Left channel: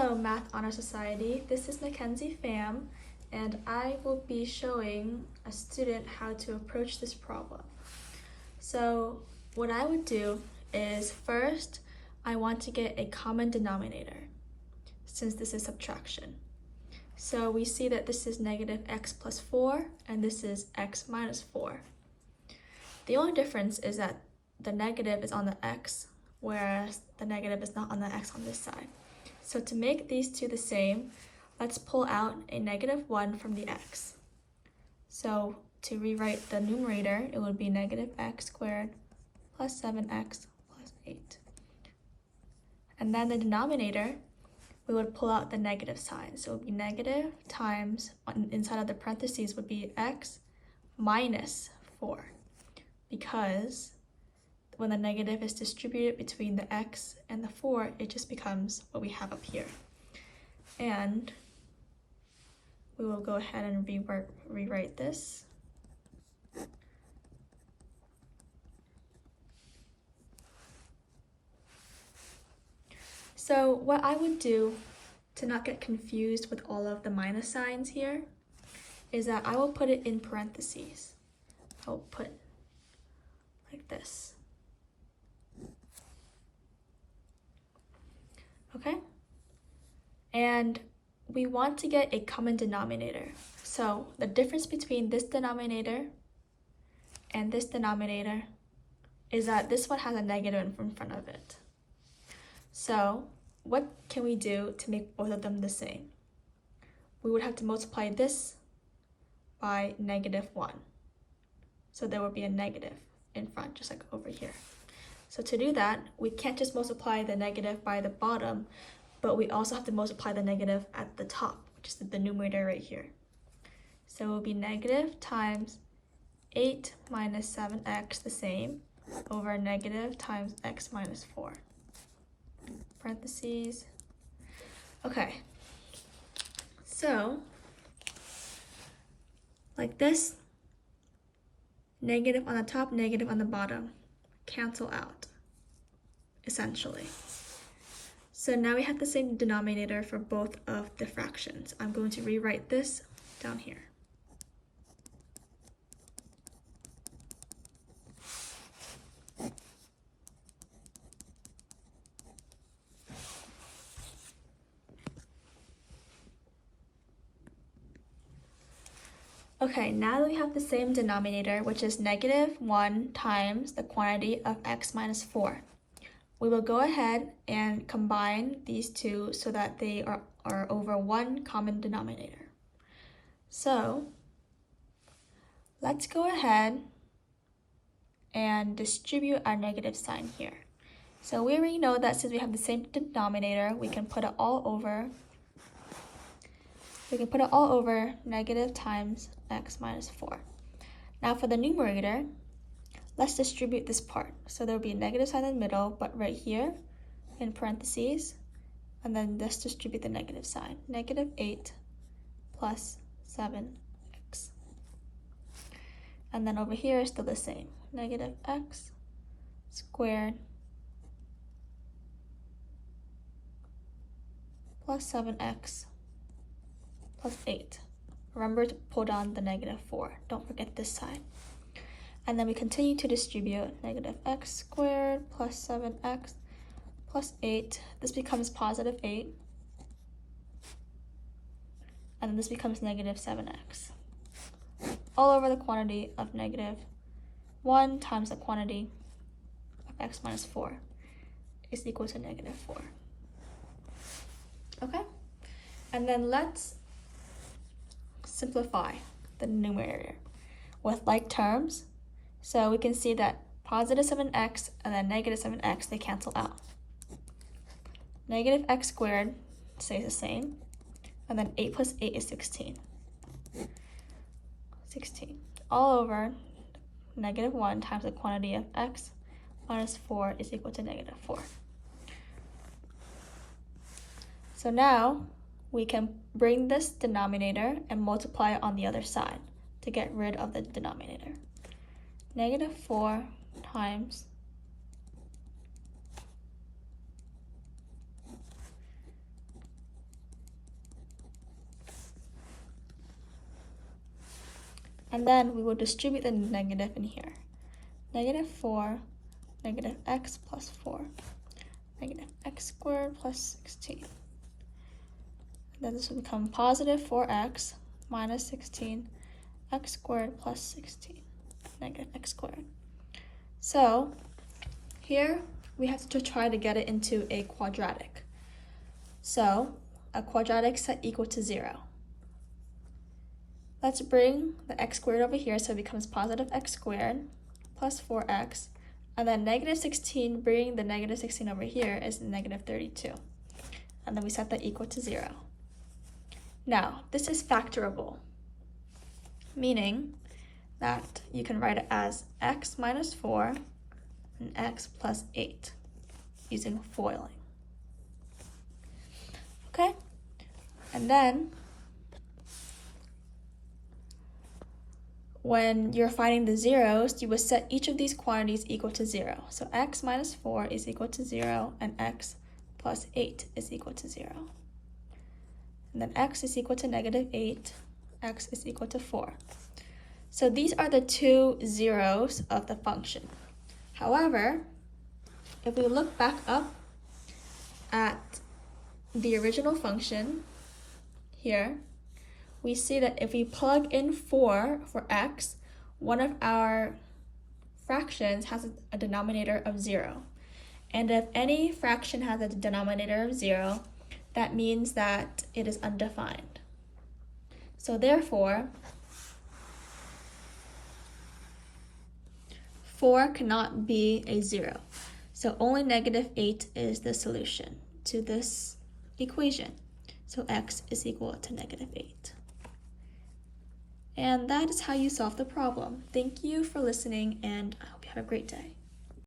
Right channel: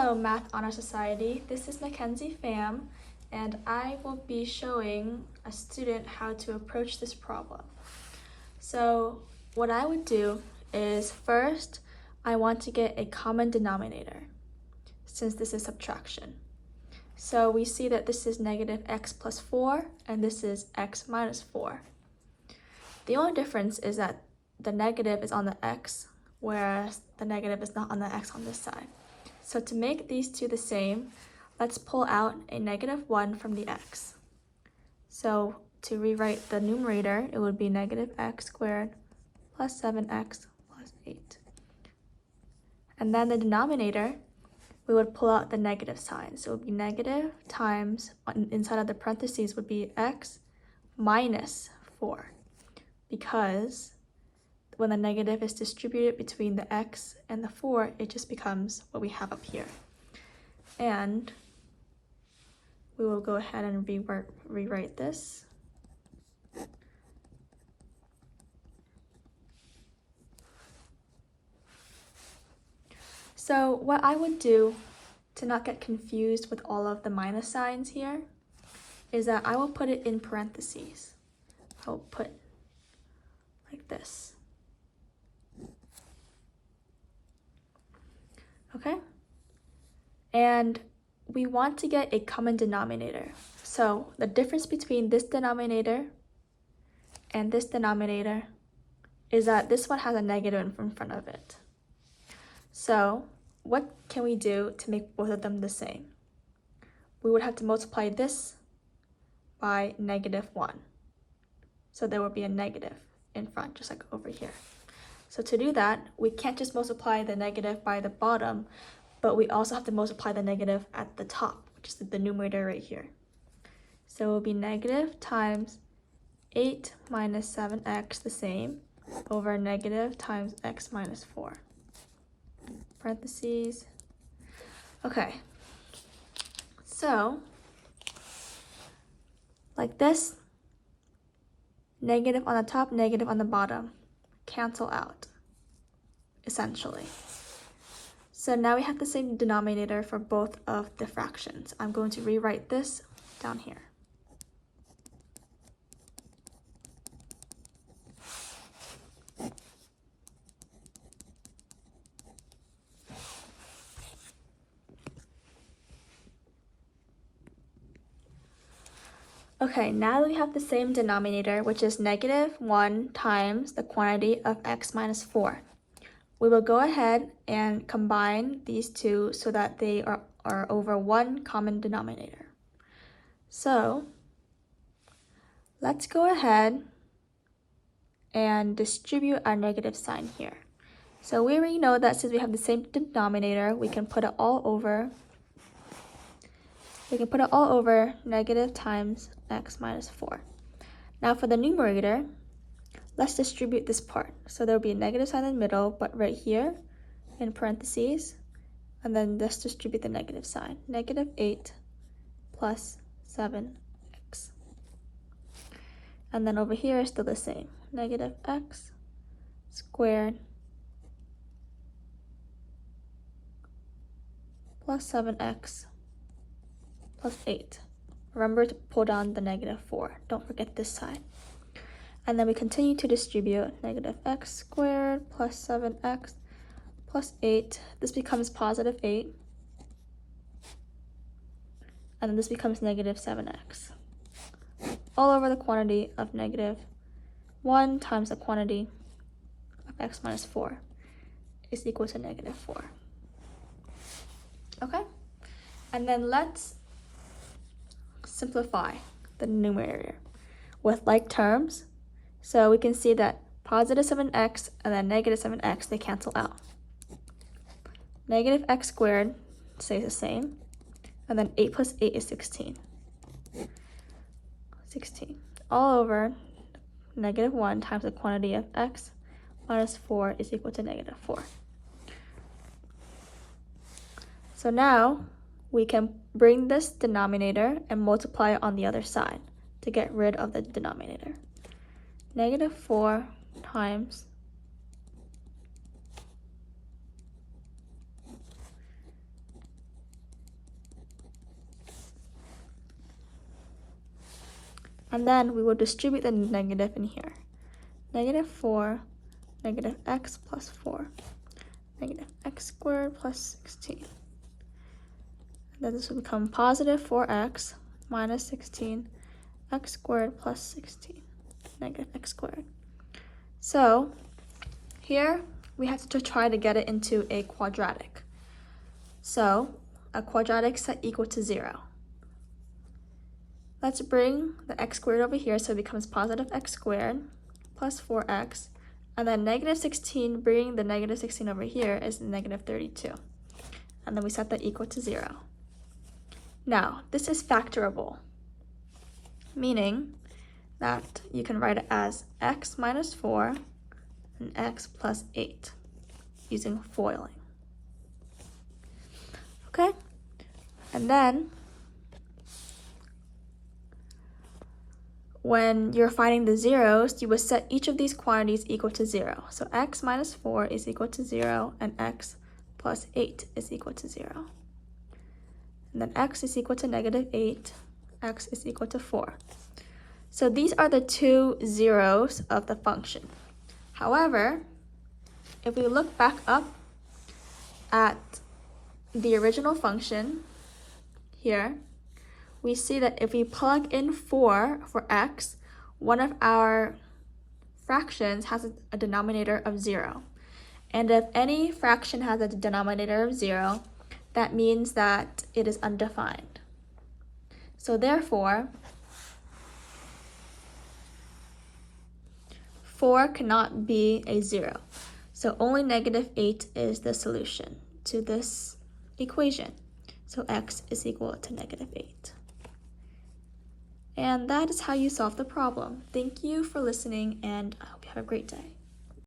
Hello Math Honor Society, this is Mackenzie Pham, and I will be showing a student how to approach this problem. So what I would do is first, I want to get a common denominator, since this is subtraction. So we see that this is negative x plus 4, and this is x minus 4. The only difference is that the negative is on the x, whereas the negative is not on the x on this side. So to make these two the same, let's pull out a negative 1 from the x. So to rewrite the numerator, it would be negative x squared plus 7x plus 8. And then the denominator, we would pull out the negative sign. So it would be negative times, inside of the parentheses would be x minus 4. Because when the negative is distributed between the x and the 4, it just becomes what we have up here. And we will go ahead and rewrite this. So what I would do to not get confused with all of the minus signs here is that I will put it in parentheses. I'll put like this. Okay? And we want to get a common denominator. So the difference between this denominator and this denominator is that this one has a negative in front of it. So what can we do to make both of them the same? We would have to multiply this by negative 1. So there will be a negative in front, just like over here. So to do that, we can't just multiply the negative by the bottom, but we also have to multiply the negative at the top, which is the numerator right here. So it will be negative times 8 minus 7x, the same, over negative times x minus 4. Parentheses. Okay. So, like this, negative on the top, negative on the bottom, cancel out, essentially. So now we have the same denominator for both of the fractions. I'm going to rewrite this down here. Okay, now that we have the same denominator, which is negative 1 times the quantity of x minus 4, we will go ahead and combine these two so that they are over one common denominator. So let's go ahead and distribute our negative sign here. So we already know that since we have the same denominator, we can put it all over. We can put it all over negative times x minus 4. Now for the numerator, let's distribute this part. So there'll be a negative sign in the middle, but right here in parentheses, and then let's distribute the negative sign. Negative 8 plus 7x. And then over here is still the same. Negative x squared plus 7x plus 8. Remember to pull down the negative 4. Don't forget this side. And then we continue to distribute negative x squared plus 7x plus 8. This becomes positive 8. And then this becomes negative 7x. All over the quantity of negative 1 times the quantity of x minus 4 is equal to negative 4. Okay? And then let's simplify the numerator with like terms. So we can see that positive 7x and then negative 7x, they cancel out. Negative x squared stays the same. And then 8 plus 8 is 16. 16. All over negative 1 times the quantity of x minus 4 is equal to negative 4. So now we can bring this denominator and multiply it on the other side to get rid of the denominator. Negative 4 times and then we will distribute the negative in here. Negative 4, negative x plus 4, negative x squared plus 16. Then this will become positive 4x minus 16, x squared plus 16, negative x squared. So here we have to try to get it into a quadratic. So a quadratic set equal to 0. Let's bring the x squared over here so it becomes positive x squared plus 4x. And then negative 16, bringing the negative 16 over here is negative 32. And then we set that equal to 0. Now, this is factorable, meaning that you can write it as x minus 4 and x plus 8 using FOILing. Okay? And then, when you're finding the zeros, you would set each of these quantities equal to 0. So x minus 4 is equal to 0, and x plus 8 is equal to 0. And then x is equal to negative 8, x is equal to 4. So these are the two zeros of the function. However, if we look back up at the original function here, we see that if we plug in 4 for x, one of our fractions has a denominator of 0. And if any fraction has a denominator of 0, that means that it is undefined. So therefore, 4 cannot be a 0. So only negative 8 is the solution to this equation. So x is equal to negative 8. And that is how you solve the problem. Thank you for listening, and I hope you have a great day.